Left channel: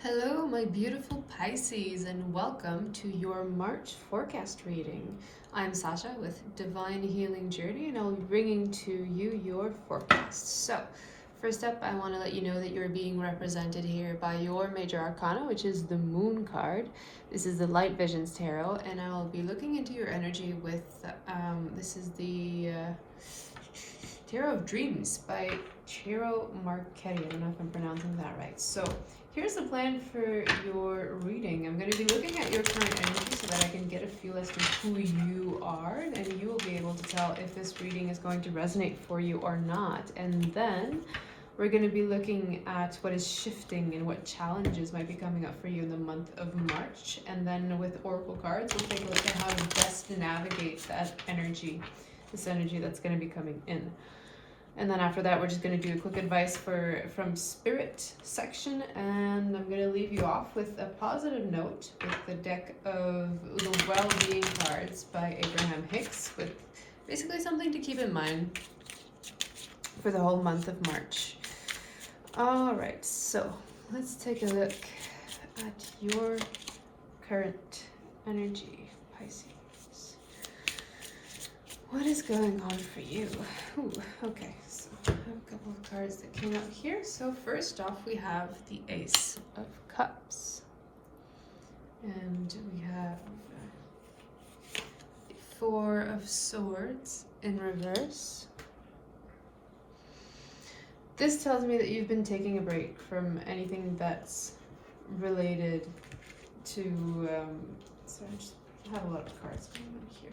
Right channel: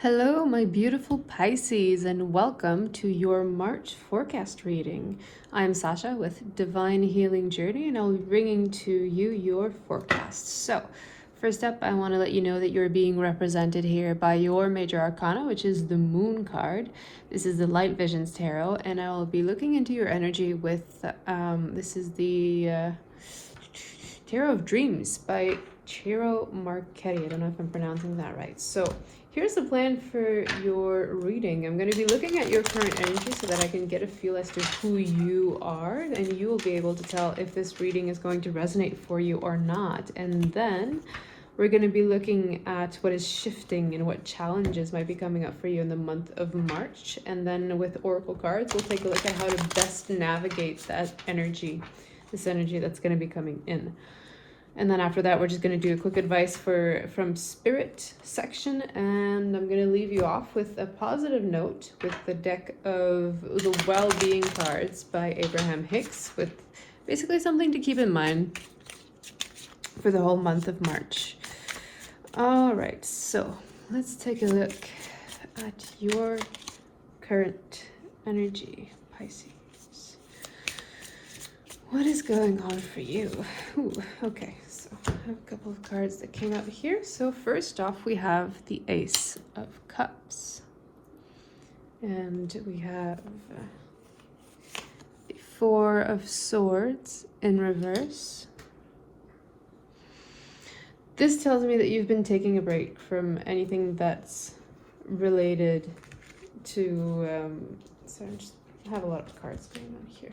Hello, my beautiful Pisces, and welcome to your March forecast reading. I'm Sasha with Divine Healing Journey, and I'll be bringing to you your forecast. So, first up, I want to let you know that you're being represented here by your major arcana, which is the Moon card. This is the Light Visions Tarot, and I'll be looking into your energy with this is the Tarot of Dreams by Ciro Marchetti. I don't know if I'm pronouncing that right. So, here's the plan for your reading. I'm going to be looking at your current energy so that I can get a feel as to who you are, and you will be able to tell if this reading is going to resonate for you or not. And then we're going to be looking at what is shifting and what challenges might be coming up for you in the month of March. And then with Oracle cards, we'll take a look at how to best navigate that energy, this energy that's going to be coming in. And then after that, we're just going to do a quick advice from Spirit section. And I'm going to leave you off with a positive note with the deck of the Well-Being cards by Abraham Hicks, with basically something to keep in mind for the whole month of March. All right, so let's take a look at your current energy, Pisces. What is going on for you? Ooh, okay, so I have a couple of cards that came out here. So first off, we have the Ace of Cups. And we have the Four of Swords in reverse. This tells me that you've been taking a break from anything that's related to, sorry, I just have a lot of cards going on here.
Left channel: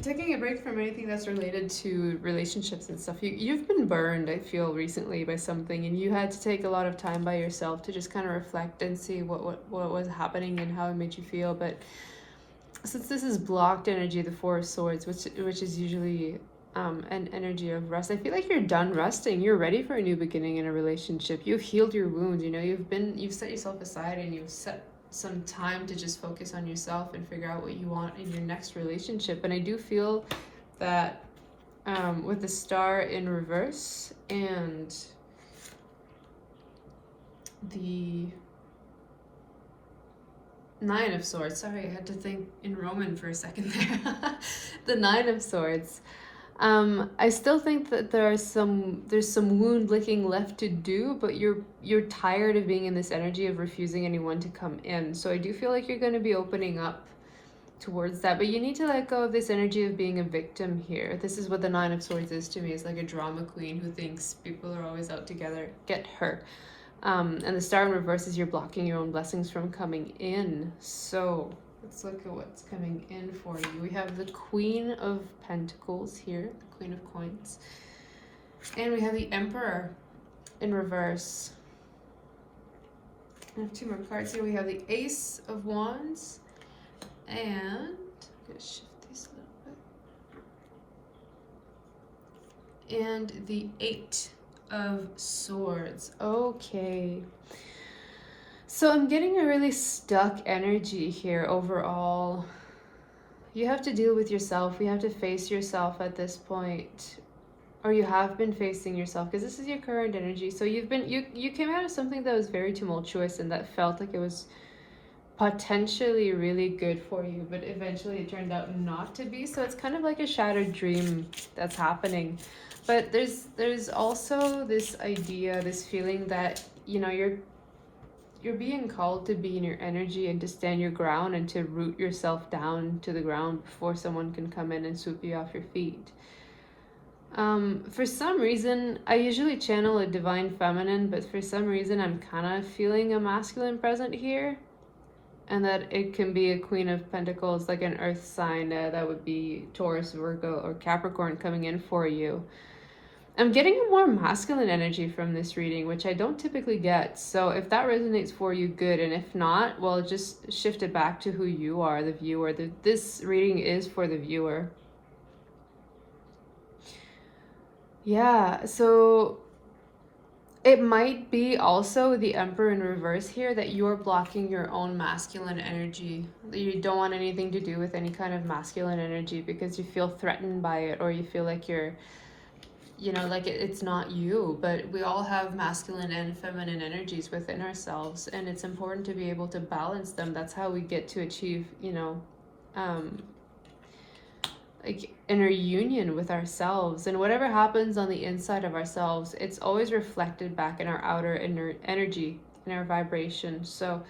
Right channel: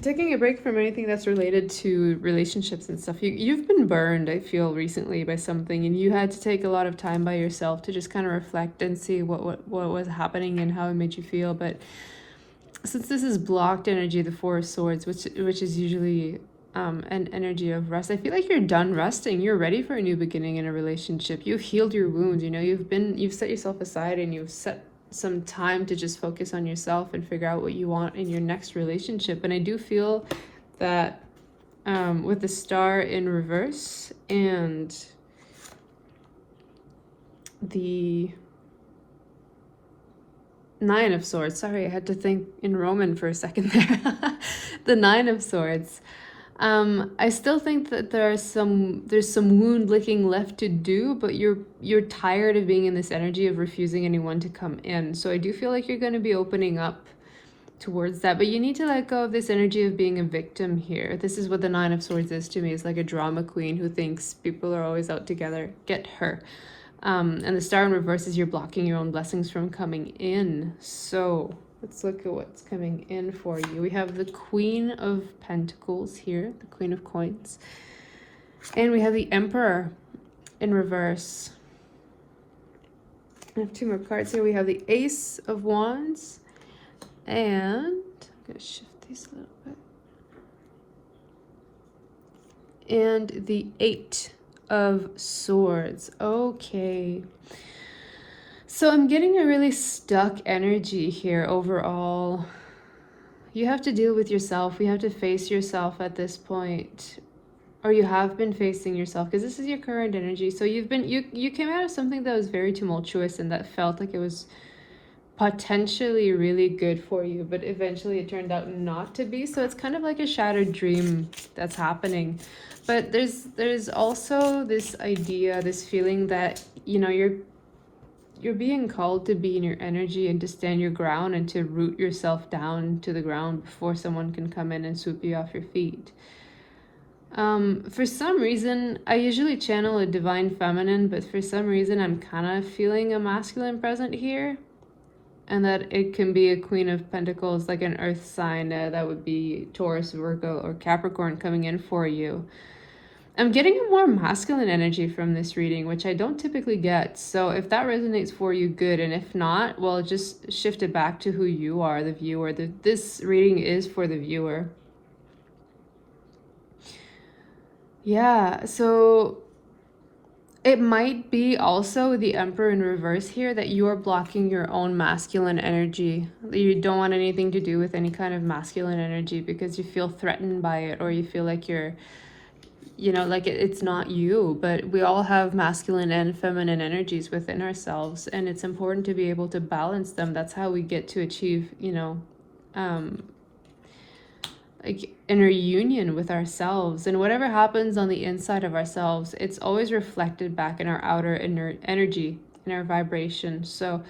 Taking a break from anything that's related to relationships and stuff. You've been burned, I feel, recently by something, and you had to take a lot of time by yourself to just kind of reflect and see what was happening and how it made you feel. But since this is blocked energy, the Four of Swords, which is usually an energy of rest, I feel like you're done resting. You're ready for a new beginning in a relationship. You've healed your wounds. You know, you've set yourself aside and you've set some time to just focus on yourself and figure out what you want in your next relationship. And I do feel that with the Star in reverse and the Nine of Swords, sorry, I had to think in Roman for a second there. The Nine of Swords. I still think that there's some wound licking left to do, but you're tired of being in this energy of refusing anyone to come in. So I do feel like you're going to be opening up towards that, but you need to let go of this energy of being a victim here. This is what the Nine of Swords is to me. It's like a drama queen who thinks people are always out together. Get her. And the Star in reverse is you're blocking your own blessings from coming in. So let's look at what's coming in for you. We have the Queen of Pentacles here, the Queen of Coins. And we have the Emperor in reverse. I have two more cards here. We have the Ace of Wands. And I'm going to shift these a little bit. And the Eight of Swords. Okay. So I'm getting a really stuck energy here overall. You have to deal with yourself. You have to face yourself at this point. Or you have been facing yourself, because this is your current energy. So you came out of something that was very tumultuous and that felt like it was potentially really good for you, but eventually it turned out not to be. So it's kind of like a shattered dream that's happening. But there's also this idea, this feeling that, you know, you're being called to be in your energy and to stand your ground and to root yourself down to the ground before someone can come in and swoop you off your feet. For some reason, I usually channel a divine feminine, but for some reason I'm kind of feeling a masculine present here. And that it can be a Queen of Pentacles, like an earth sign, that would be Taurus, Virgo, or Capricorn coming in for you. I'm getting a more masculine energy from this reading, which I don't typically get. So if that resonates for you, good. And if not, well, just shift it back to who you are, the viewer. This reading is for the viewer. Yeah, so it might be also the Emperor in reverse here, that you're blocking your own masculine energy. You don't want anything to do with any kind of masculine energy because you feel threatened by it, or you feel like you're you know, like it's not you, but we all have masculine and feminine energies within ourselves, and it's important to be able to balance them. That's how we get to achieve, you know, like inner union with ourselves. And whatever happens on the inside of ourselves, it's always reflected back in our outer inner energy, in our vibration. So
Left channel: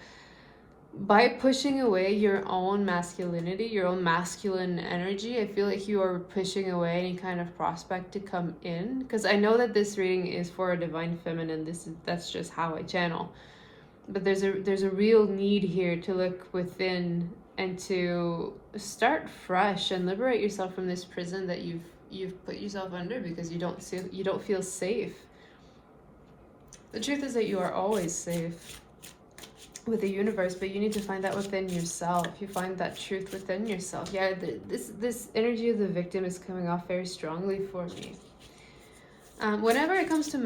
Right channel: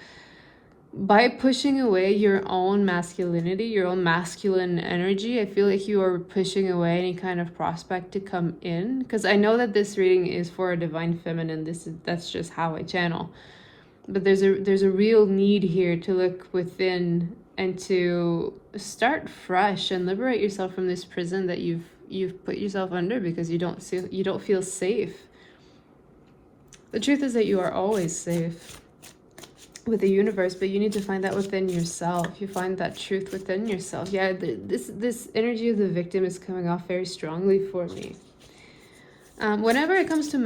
by pushing away your own masculinity, your own masculine energy, I feel like you are pushing away any kind of prospect to come in. Because I know that this reading is for a divine feminine. That's just how I channel. But there's a real need here to look within and to start fresh and liberate yourself from this prison that you've put yourself under because you don't feel safe. The truth is that you are always safe with the universe, but you need to find that within yourself. You find that truth within yourself. Yeah, this energy of the victim is coming off very strongly for me. Whenever it comes to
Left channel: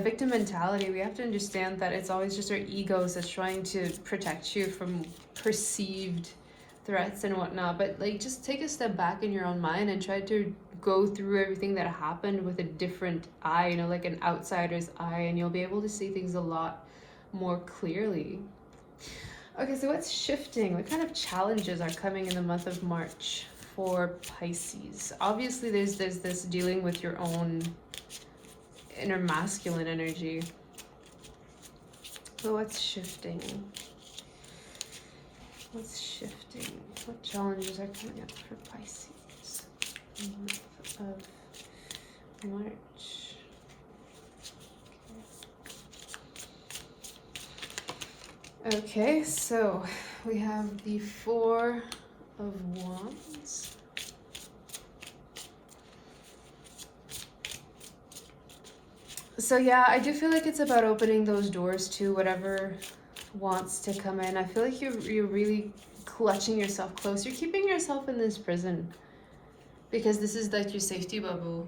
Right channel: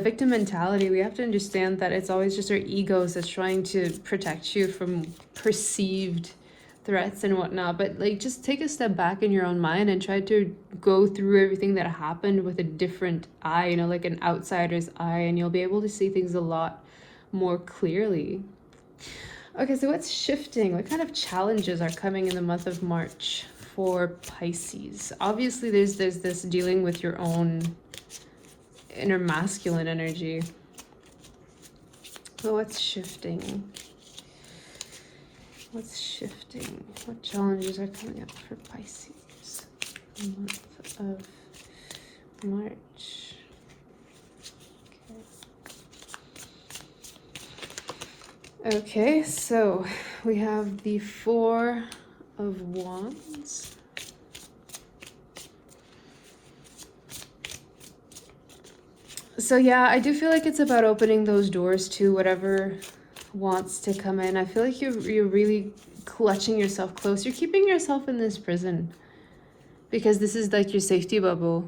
victim mentality, we have to understand that it's always just our egos that's trying to protect you from perceived threats and whatnot. But like, just take a step back in your own mind and try to go through everything that happened with a different eye, you know, like an outsider's eye, and you'll be able to see things a lot more clearly. Okay, so what's shifting? What kind of challenges are coming in the month of March for Pisces? Obviously, there's this dealing with your own inner masculine energy. But what's shifting? What's shifting? What challenges are coming up for Pisces in the month of March? Okay, so we have the Four of Wands. So yeah, I do feel like it's about opening those doors to whatever wants to come in. I feel like you're really clutching yourself close. You're keeping yourself in this prison because this is like your safety bubble.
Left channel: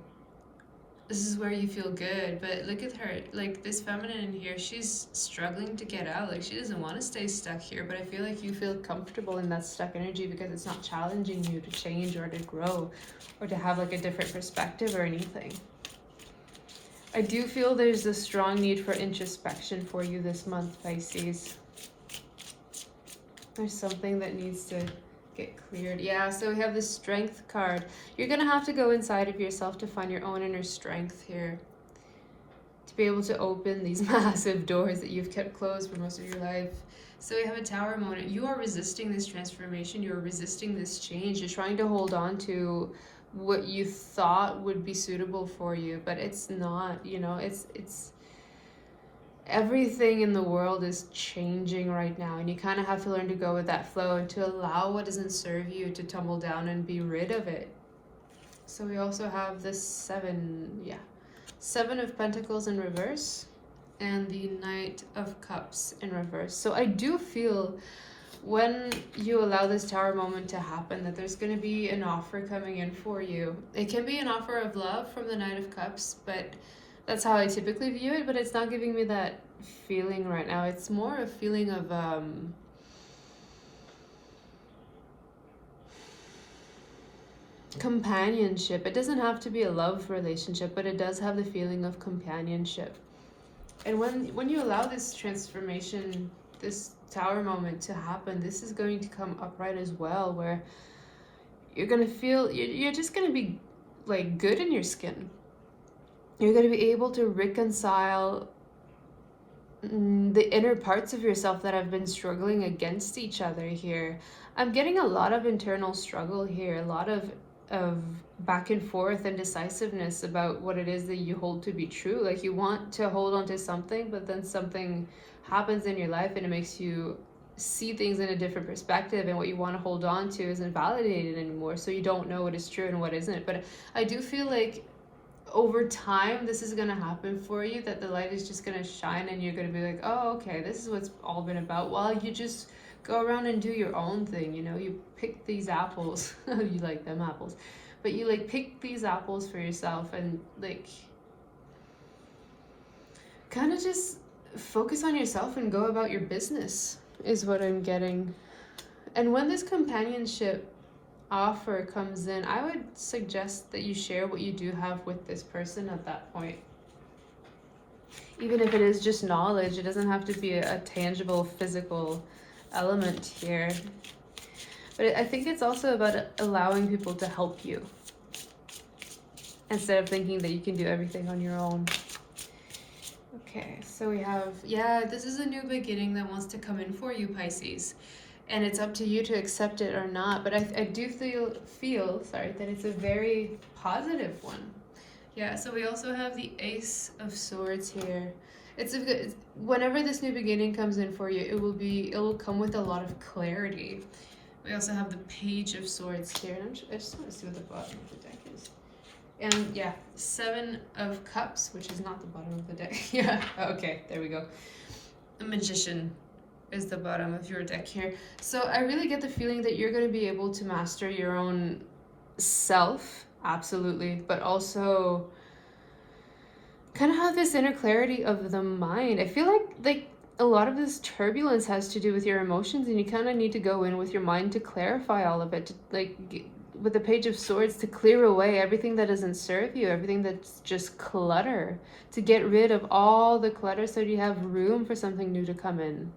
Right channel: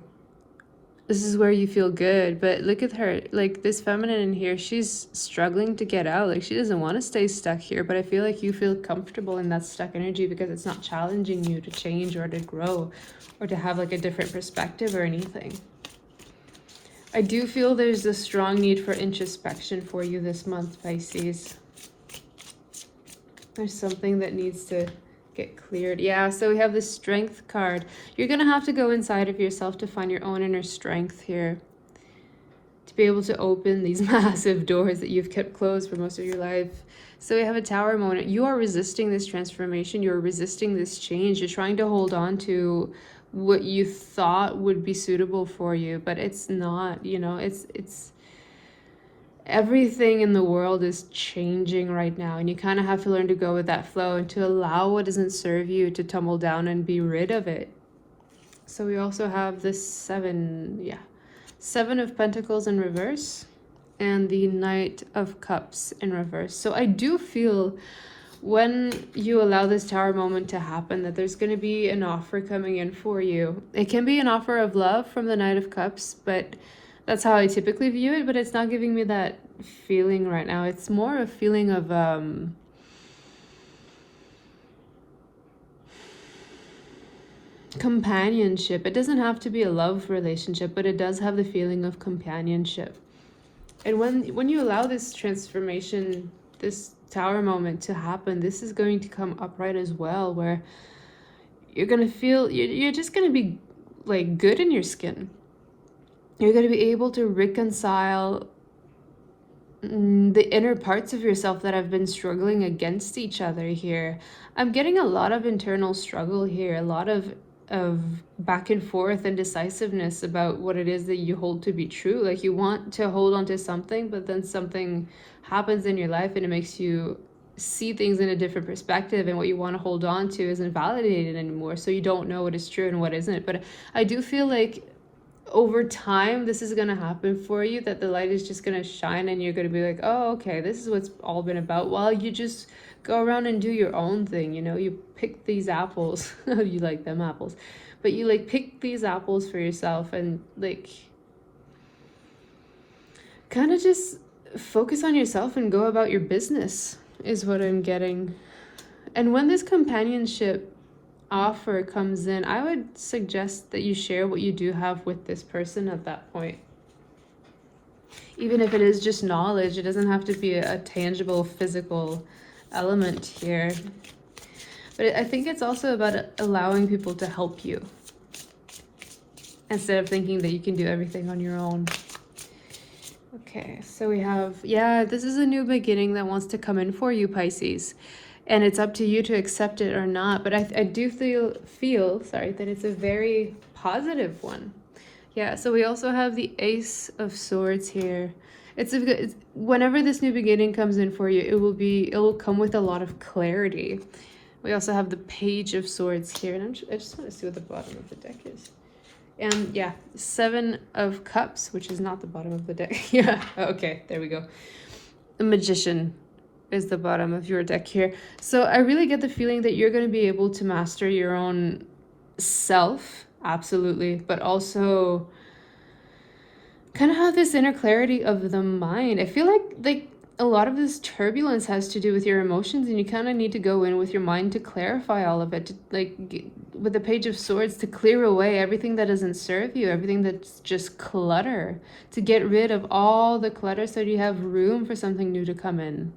This is where you feel good. But look at her, like this feminine in here, she's struggling to get out. Like she doesn't want to stay stuck here, but I feel like you feel comfortable in that stuck energy because it's not challenging you to change or to grow or to have like a different perspective or anything. I do feel there's a strong need for introspection for you this month, Pisces. There's something that needs to get cleared. Yeah, so we have this Strength card. You're going to have to go inside of yourself to find your own inner strength here, to be able to open these massive doors that you've kept closed for most of your life. So we have a Tower moment. You are resisting this transformation. You're resisting this change. You're trying to hold on to what you thought would be suitable for you, but it's not, you know, it's everything in the world is changing right now, and you kind of have to learn to go with that flow and to allow what doesn't serve you to tumble down and be rid of it. So we also have this Seven of Pentacles in reverse and the Knight of Cups in reverse. So I do feel when you allow this Tower moment to happen that there's going to be an offer coming in for you. It can be an offer of love from the Knight of Cups, but that's how I typically view it, but it's not giving me that feeling right now. It's more a feeling of companionship. It doesn't have to be a love relationship, but it does have the feeling of companionship. And when you allow this transformation, this Tower moment to happen, this is going to come upright as well, where you're going to feel, you're just going to be like good in your skin. You're going to be able to reconcile the inner parts of yourself that have been struggling against each other here. I'm getting a lot of internal struggle here, a lot of back and forth and decisiveness about what it is that you hold to be true. Like you want to hold on to something, but then something happens in your life and it makes you see things in a different perspective, and what you want to hold on to isn't validated anymore, so you don't know what is true and what isn't. But I do feel like over time this is going to happen for you, that the light is just going to shine and you're going to be like, oh, okay, this is what's all been about, while you just go around and do your own thing. You know, you pick these apples you like them apples, but you like pick these apples for yourself and like kind of just focus on yourself and go about your business is what I'm getting. And when this companionship offer comes in, I would suggest that you share what you do have with this person at that point. Even if it is just knowledge, it doesn't have to be a tangible physical element here. But I think it's also about allowing people to help you, instead of thinking that you can do everything on your own. Okay, so we have, yeah, this is a new beginning that wants to come in for you, Pisces. And it's up to you to accept it or not. But I do feel that it's a very positive one. Yeah, so we also have the Ace of Swords here. It's whenever this new beginning comes in for you, it will come with a lot of clarity. We also have the Page of Swords here, and I just want to see what the bottom of the deck is. And yeah, 7 of Cups, which is not the bottom of the deck. Yeah, okay, there we go. The Magician is the bottom of your deck here. So I really get the feeling that you're going to be able to master your own self, absolutely, but also kind of have this inner clarity of the mind. I feel like a lot of this turbulence has to do with your emotions, and you kind of need to go in with your mind to clarify all of it, to, with the Page of Swords, to clear away everything that doesn't serve you, everything that's just clutter, to get rid of all the clutter so you have room for something new to come in.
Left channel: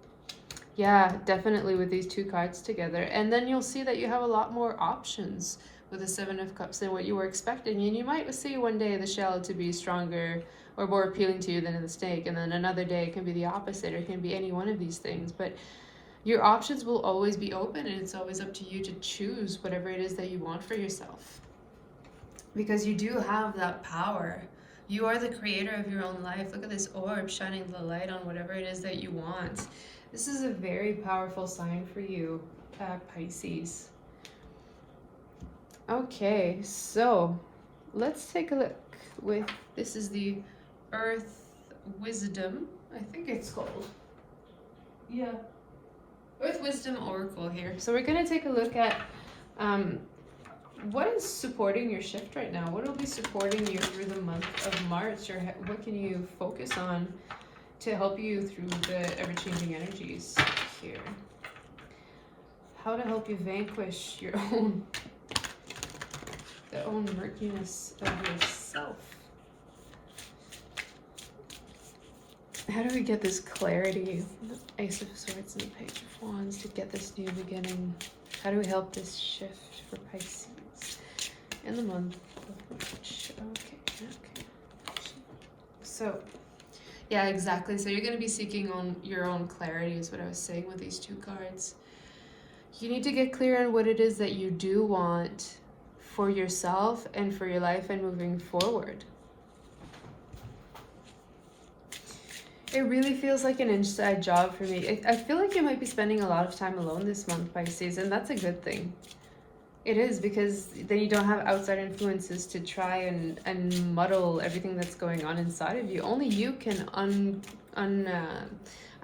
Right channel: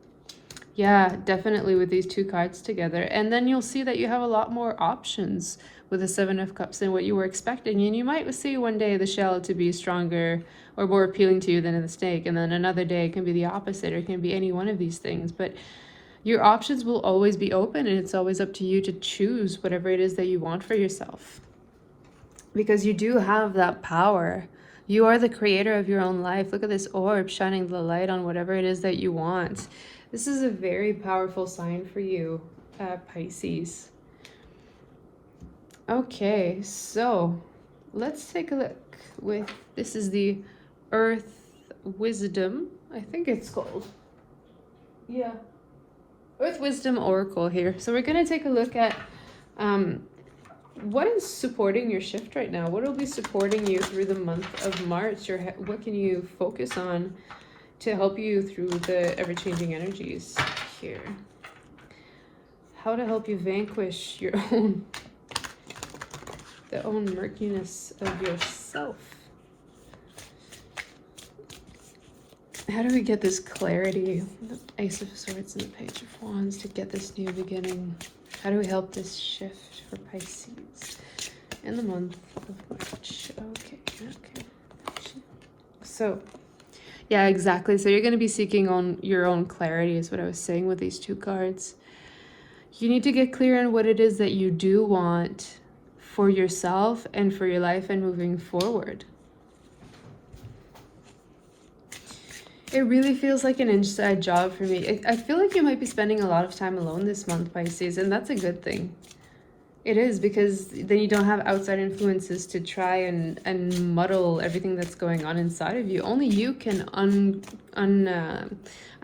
Yeah, definitely with these 2 cards together. And then you'll see that you have a lot more options with the 7 of Cups than what you were expecting. And you might see one day the shell to be stronger or more appealing to you than the snake. And then another day it can be the opposite, or it can be any one of these things. But your options will always be open, and it's always up to you to choose whatever it is that you want for yourself. Because you do have that power. You are the creator of your own life. Look at this orb shining the light on whatever it is that you want. This is a very powerful sign for you, Pisces. Okay, so let's take a look with, this is the Earth Wisdom, I think it's called. Yeah. Earth Wisdom Oracle here. So we're going to take a look at what is supporting your shift right now. What will be supporting you through the month of March, or what can you focus on to help you through the ever-changing energies here? How to help you vanquish your own, the own murkiness of yourself. How do we get this clarity? Ace of Swords and the Page of Wands to get this new beginning. How do we help this shift for Pisces in the month of March? Okay. So, yeah, exactly. So you're going to be seeking on your own clarity is what I was saying with these 2 cards. You need to get clear on what it is that you do want for yourself and for your life and moving forward. It really feels like an inside job for me. I feel like you might be spending a lot of time alone this month, Pisces, and that's a good thing. It is, because then you don't have outside influences to try and muddle everything that's going on inside of you. Only you can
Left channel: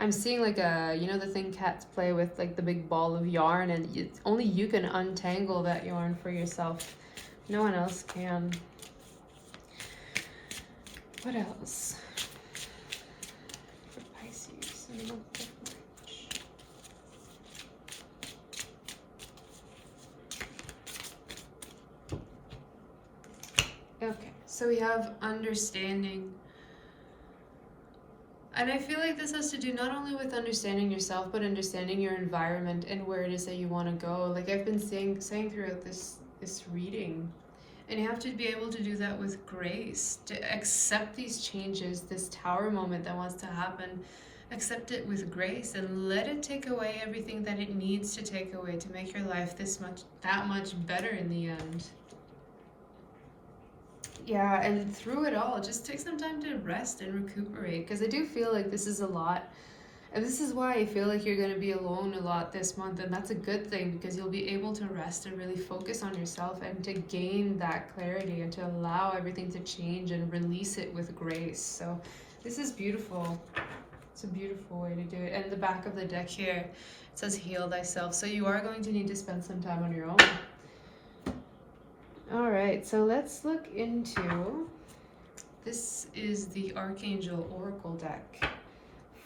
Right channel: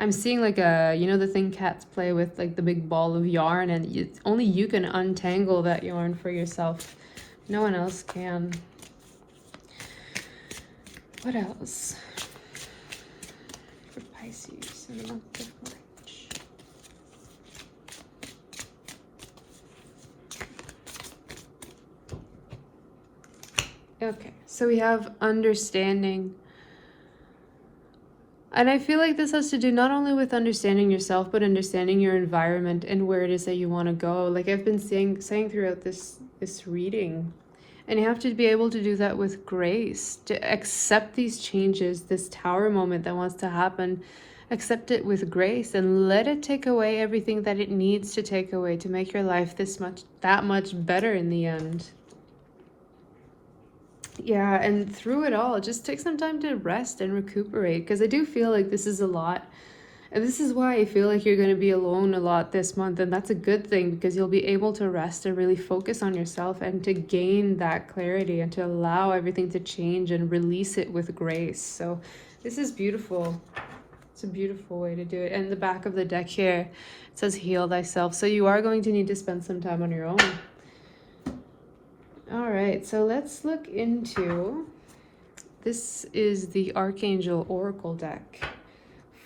I'm seeing like a, you know, the thing cats play with, like the big ball of yarn, and only you can untangle that yarn for yourself. No one else can. What else? For Pisces, in the month of March. Okay, so we have understanding. And I feel like this has to do not only with understanding yourself, but understanding your environment and where it is that you want to go. Like I've been saying throughout this reading. And you have to be able to do that with grace, to accept these changes, this tower moment that wants to happen. Accept it with grace and let it take away everything that it needs to take away to make your life that much better in the end. Yeah, and through it all, just take some time to rest and recuperate, because I do feel like this is a lot. And this is why I feel like you're going to be alone a lot this month, and that's a good thing, because you'll be able to rest and really focus on yourself and to gain that clarity and to allow everything to change and release it with grace. So this is beautiful. It's a beautiful way to do it. And the back of the deck here, it says heal thyself. So you are going to need to spend some time on your own. All right, so let's look into, this is the Archangel Oracle deck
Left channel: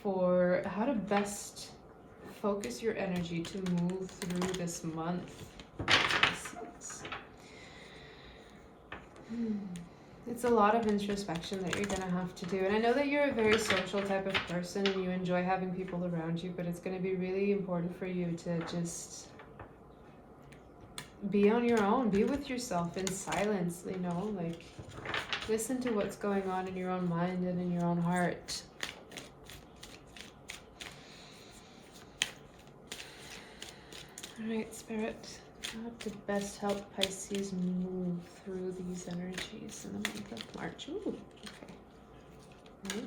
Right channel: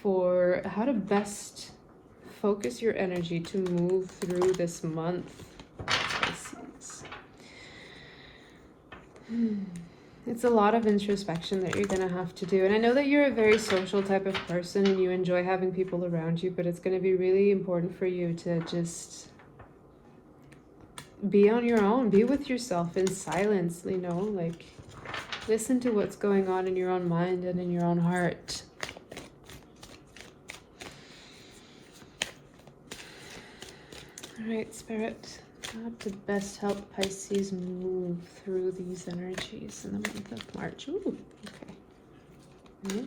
for how to best focus your energy to move through this month. It's a lot of introspection that you're going to have to do. And I know that you're a very social type of person and you enjoy having people around you, but it's going to be really important for you to just be on your own, be with yourself in silence, you know, like listen to what's going on in your own mind and in your own heart. All right, Spirit. How to best help Pisces move through these energies in the month of March? Ooh, okay.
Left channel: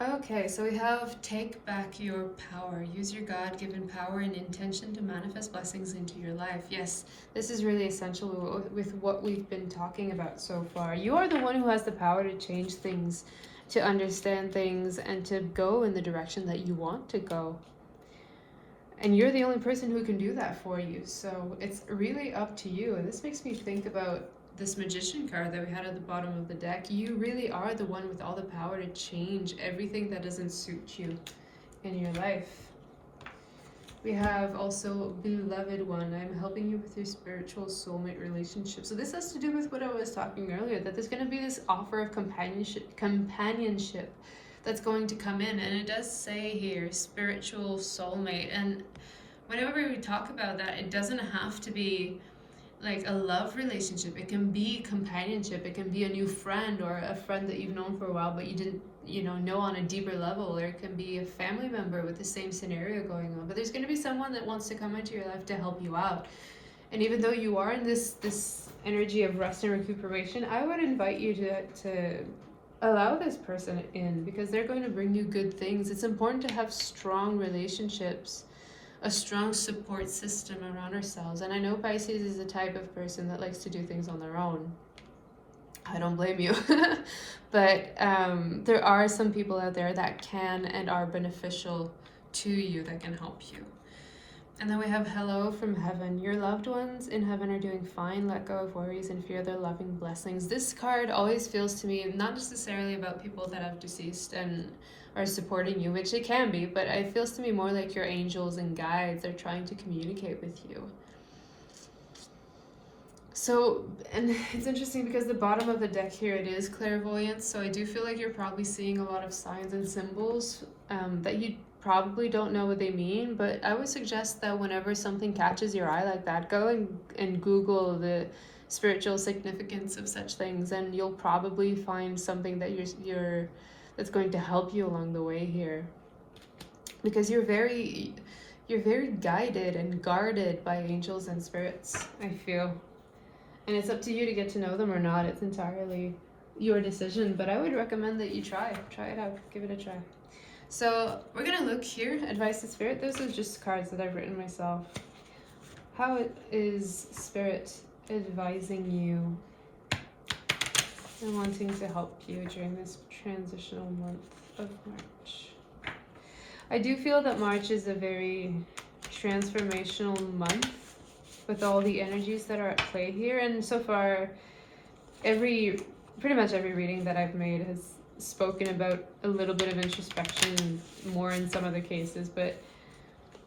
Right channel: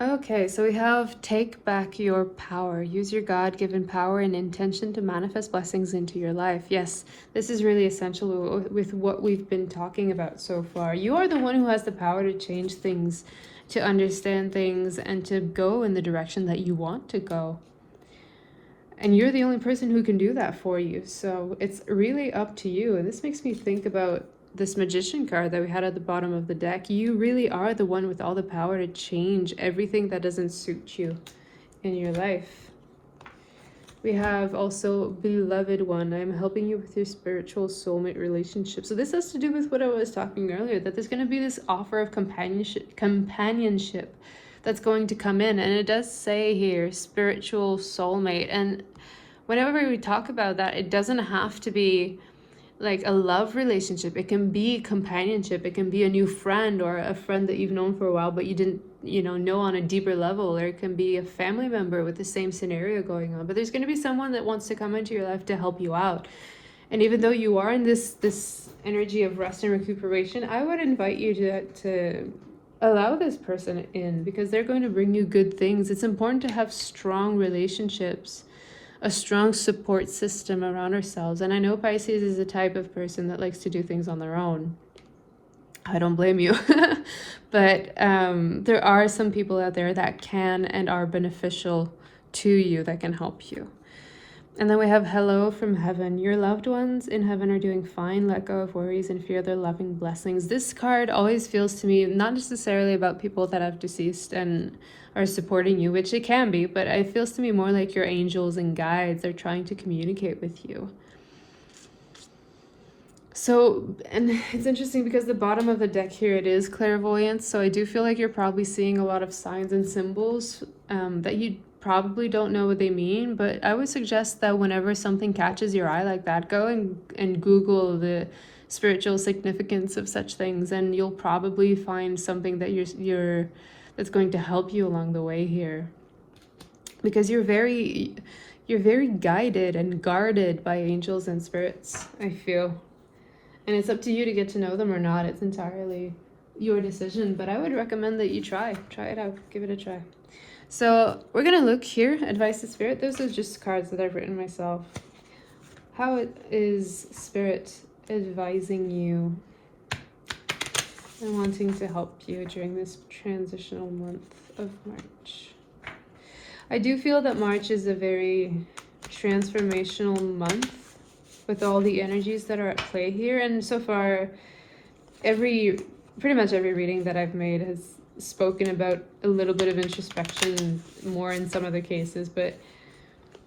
Okay, so we have take back your power. Use your God-given power and intention to manifest blessings into your life. Yes, this is really essential with what we've been talking about so far. You are the one who has the power to change things, to understand things, and to go in the direction that you want to go. And you're the only person who can do that for you. So it's really up to you. And this makes me think about this Magician card that we had at the bottom of the deck. You really are the one with all the power to change everything that doesn't suit you in your life. We have also Beloved One. I'm helping you with your spiritual soulmate relationship. So this has to do with what I was talking earlier, that there's going to be this offer of companionship that's going to come in. And it does say here, spiritual soulmate. And whenever we talk about that, it doesn't have to be like a love relationship. It can be companionship. It can be a new friend or a friend that you've known for a while, but you didn't, know on a deeper level. Or it can be a family member with the same scenario going on. But there's going to be someone that wants to come into your life to help you out. And even though you are in this energy of rest and recuperation, I would invite you to allow this person in, because they're going to bring you good things. It's important to have strong relationships, a strong support system around ourselves. And I know Pisces is the type of person that likes to do things on their own. I don't blame you. But there are some people out there that can and are beneficial to you, that can help you. And then we have hello from heaven. Your loved ones in heaven are doing fine. Let go of worries and fear their loving blessings. This card always feels to me not necessarily about people that have deceased and are supporting you, which it can be, but it feels to me more like your angels and guides are trying to communicate with you. So, and it's interesting because the bottom of the deck here, it is clairvoyance. So I do feel like you're probably seeing a lot of signs and symbols that you probably don't know what they mean. But I would suggest that whenever something catches your eye like that, go and Google the spiritual significance of such things, and you'll probably find something that you're that's going to help you along the way here. Because you're very guided and guarded by angels and spirits, I feel. And it's up to you to get to know them or not. It's entirely your decision, but I would recommend that you try it out, give it a try. So we're gonna look here, advice to spirit. Those are just cards that I've written myself. How is spirit advising you and wanting to help you during this transitional month of March? I do feel that March is a very transformational month with all the energies that are at play here. And so far, pretty much every reading that I've made has spoken about a little bit of introspection more in some of the cases, but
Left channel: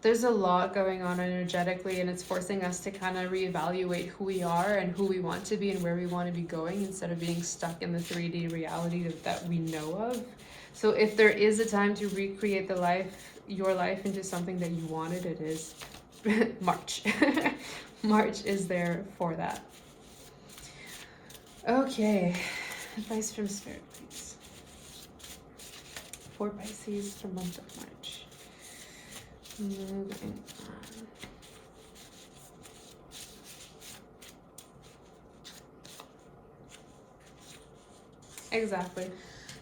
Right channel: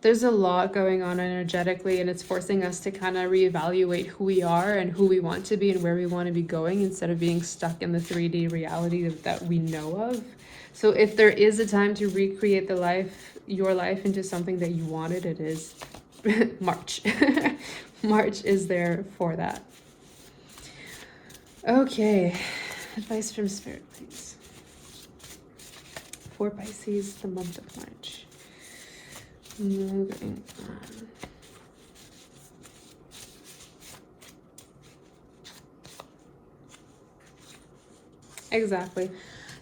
there's a lot going on energetically, and it's forcing us to kind of reevaluate who we are and who we want to be and where we want to be going, instead of being stuck in the 3D reality that we know of. So if there is a time to recreate your life into something that you wanted, it is March. March is there for that. Okay, advice from spirit, please. For Pisces, the month of March. Moving on. Exactly.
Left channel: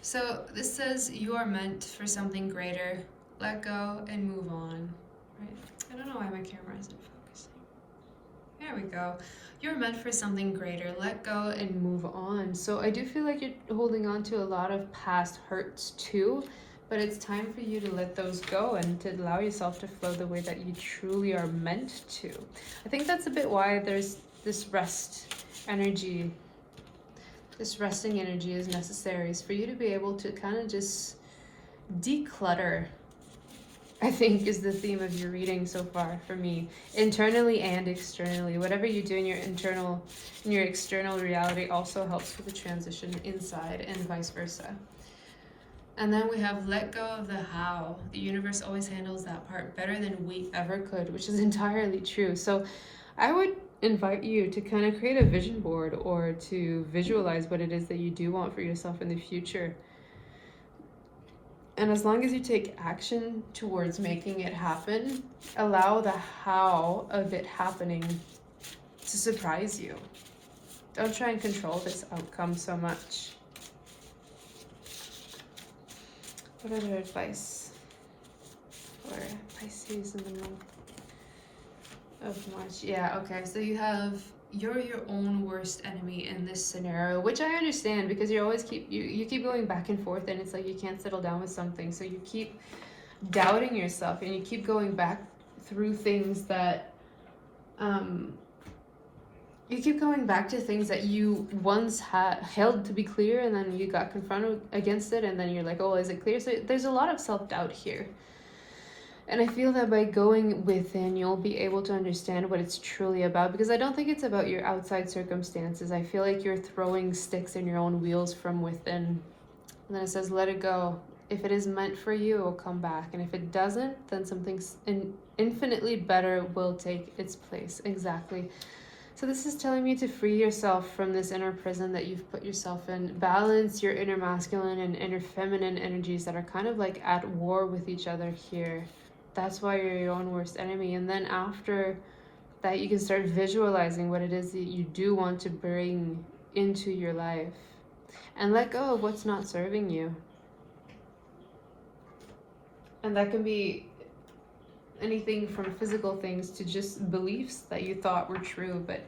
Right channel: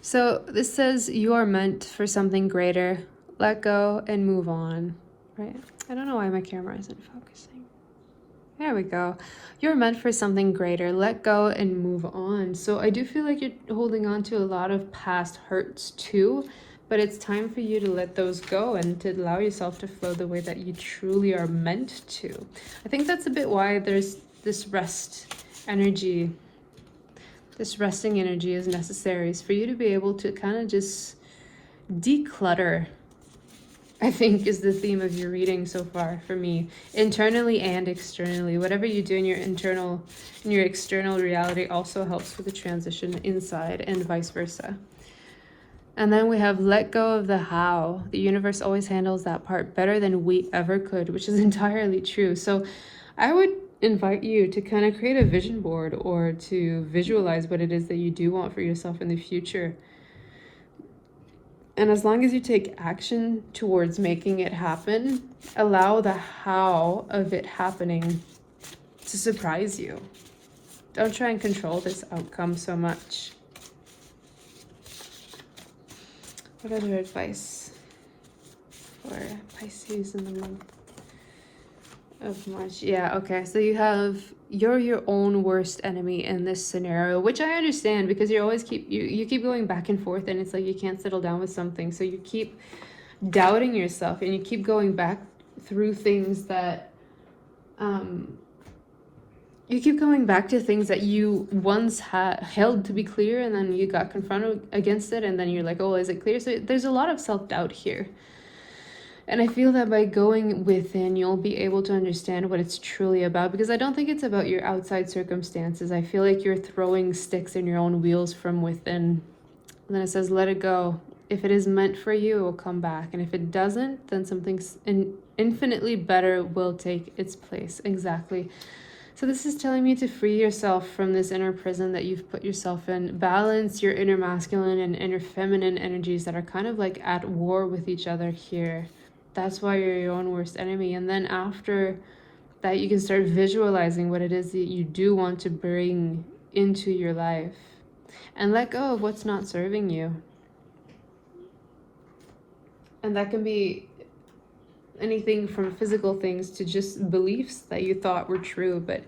So this says you are meant for something greater. Let go and move on. Right? I don't know why my camera isn't focusing. There we go. You're meant for something greater. Let go and move on. So I do feel like you're holding on to a lot of past hurts too, but it's time for you to let those go and to allow yourself to flow the way that you truly are meant to. I think that's a bit why there's this rest energy. This resting energy is necessary. It's for you to be able to kind of just declutter I think is the theme of your reading so far for me, internally and externally. Whatever you do in your internal and your external reality also helps with the transition inside, and vice versa. And then we have let go of the how. The universe always handles that part better than we ever could, which is entirely true. So I would invite you to kind of create a vision board or to visualize what it is that you do want for yourself in the future. And as long as you take action towards making it happen, allow the how of it happening to surprise you. Don't try and control this outcome so much. What other advice for Pisces in the middle of March? Yeah, okay. So you're your own worst enemy in this scenario, which I understand because you always you keep going back and forth, and it's like you can't settle down with something. So you keep doubting yourself, and you keep going back through things that you keep going back to things that you once held to be clear, and then you got confronted against it, and then you're like, oh, is it clear? So there's a lot of self-doubt here. And I feel that by going within, you'll be able to understand what it's truly about, because I don't think it's about your outside circumstances. I feel like you're throwing sticks in your own wheels from within. And then it says, let it go. If it is meant for you, it will come back. And if it doesn't, then something infinitely better will take its place. Exactly. So this is telling me to free yourself from this inner prison that you've put yourself in. Balance your inner masculine and inner feminine energies that are kind of like at war with each other here. That's why you're your own worst enemy. And then after that, you can start visualizing what it is that you do want to bring into your life. And let go of what's not serving you. And that can be anything from physical things to just beliefs that you thought were true, but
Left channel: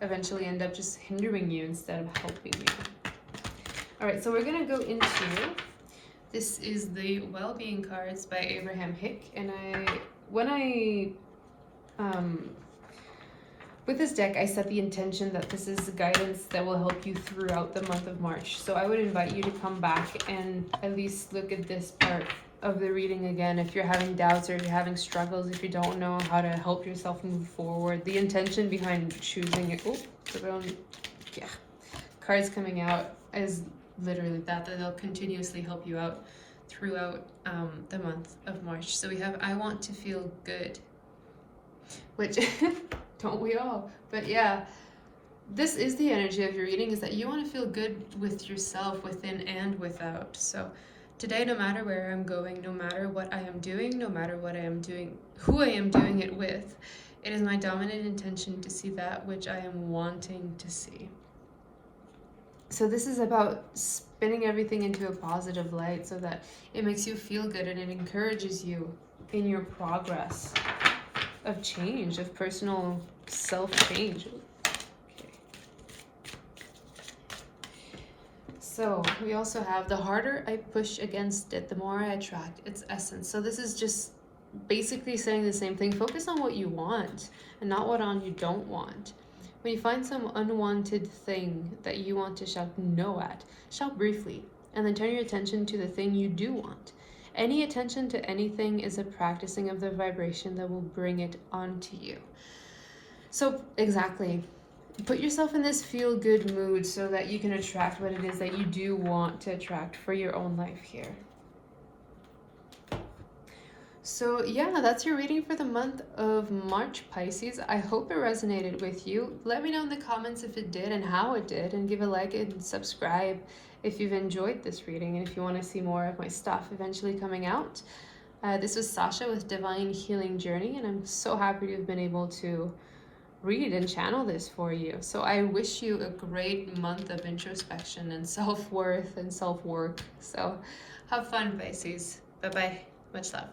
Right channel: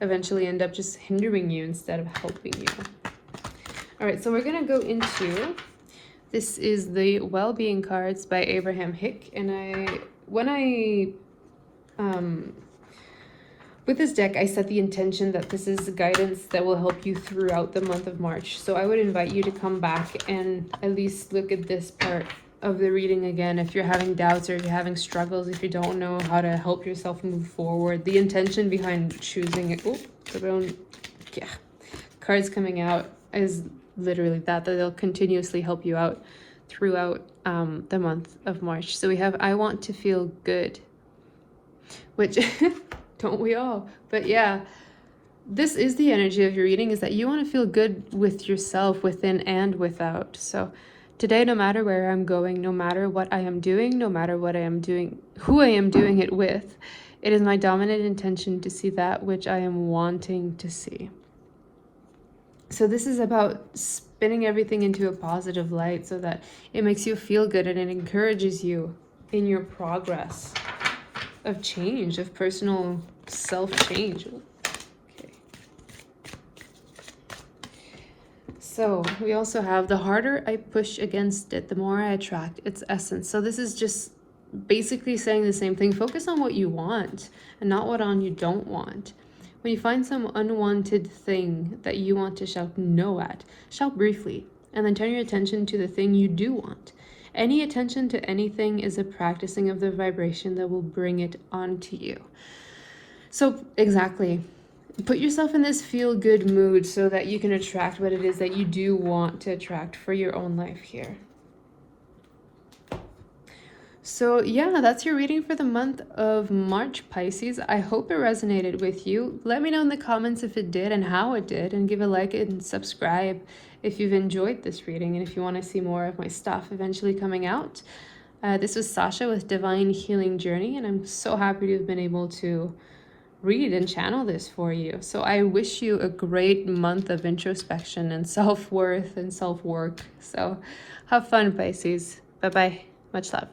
eventually end up just hindering you instead of helping you. All right, so we're gonna go into, this is the Well-Being cards by Abraham Hicks, and with this deck, I set the intention that this is guidance that will help you throughout the month of March. So I would invite you to come back and at least look at this part of the reading again if you're having doubts or if you're having struggles, if you don't know how to help yourself move forward. The intention behind choosing it, cards coming out is literally that they'll continuously help you out throughout the month of March. So we have I want to feel good, which don't we all? But yeah, this is the energy of your reading, is that you want to feel good with yourself, within and without. So today, no matter where I'm going, no matter what I am doing, no matter what I am doing, who I am doing it with, it is my dominant intention to see that which I am wanting to see. So this is about spinning everything into a positive light so that it makes you feel good and it encourages you in your progress of change, of personal self-change. Okay. So we also have the harder I push against it, the more I attract its essence. So this is just basically saying the same thing. Focus on what you want and not what on you don't want. When you find some unwanted thing that you want to shout no at, shout briefly, and then turn your attention to the thing you do want. Any attention to anything is a practicing of the vibration that will bring it onto you. So exactly, put yourself in this feel-good mood so that you can attract what it is that you do want to attract for your own life here. So yeah, that's your reading for the month of March, Pisces. I hope it resonated with you. Let me know in the comments if it did and how it did, and give a like and subscribe if you've enjoyed this reading and if you want to see more of my stuff eventually coming out. This was Sasha with Divine Healing Journey, and I'm so happy to have been able to read and channel this for you. So I wish you a great month of introspection and self-worth and self-work. So have fun, Pisces. Bye-bye. Much love.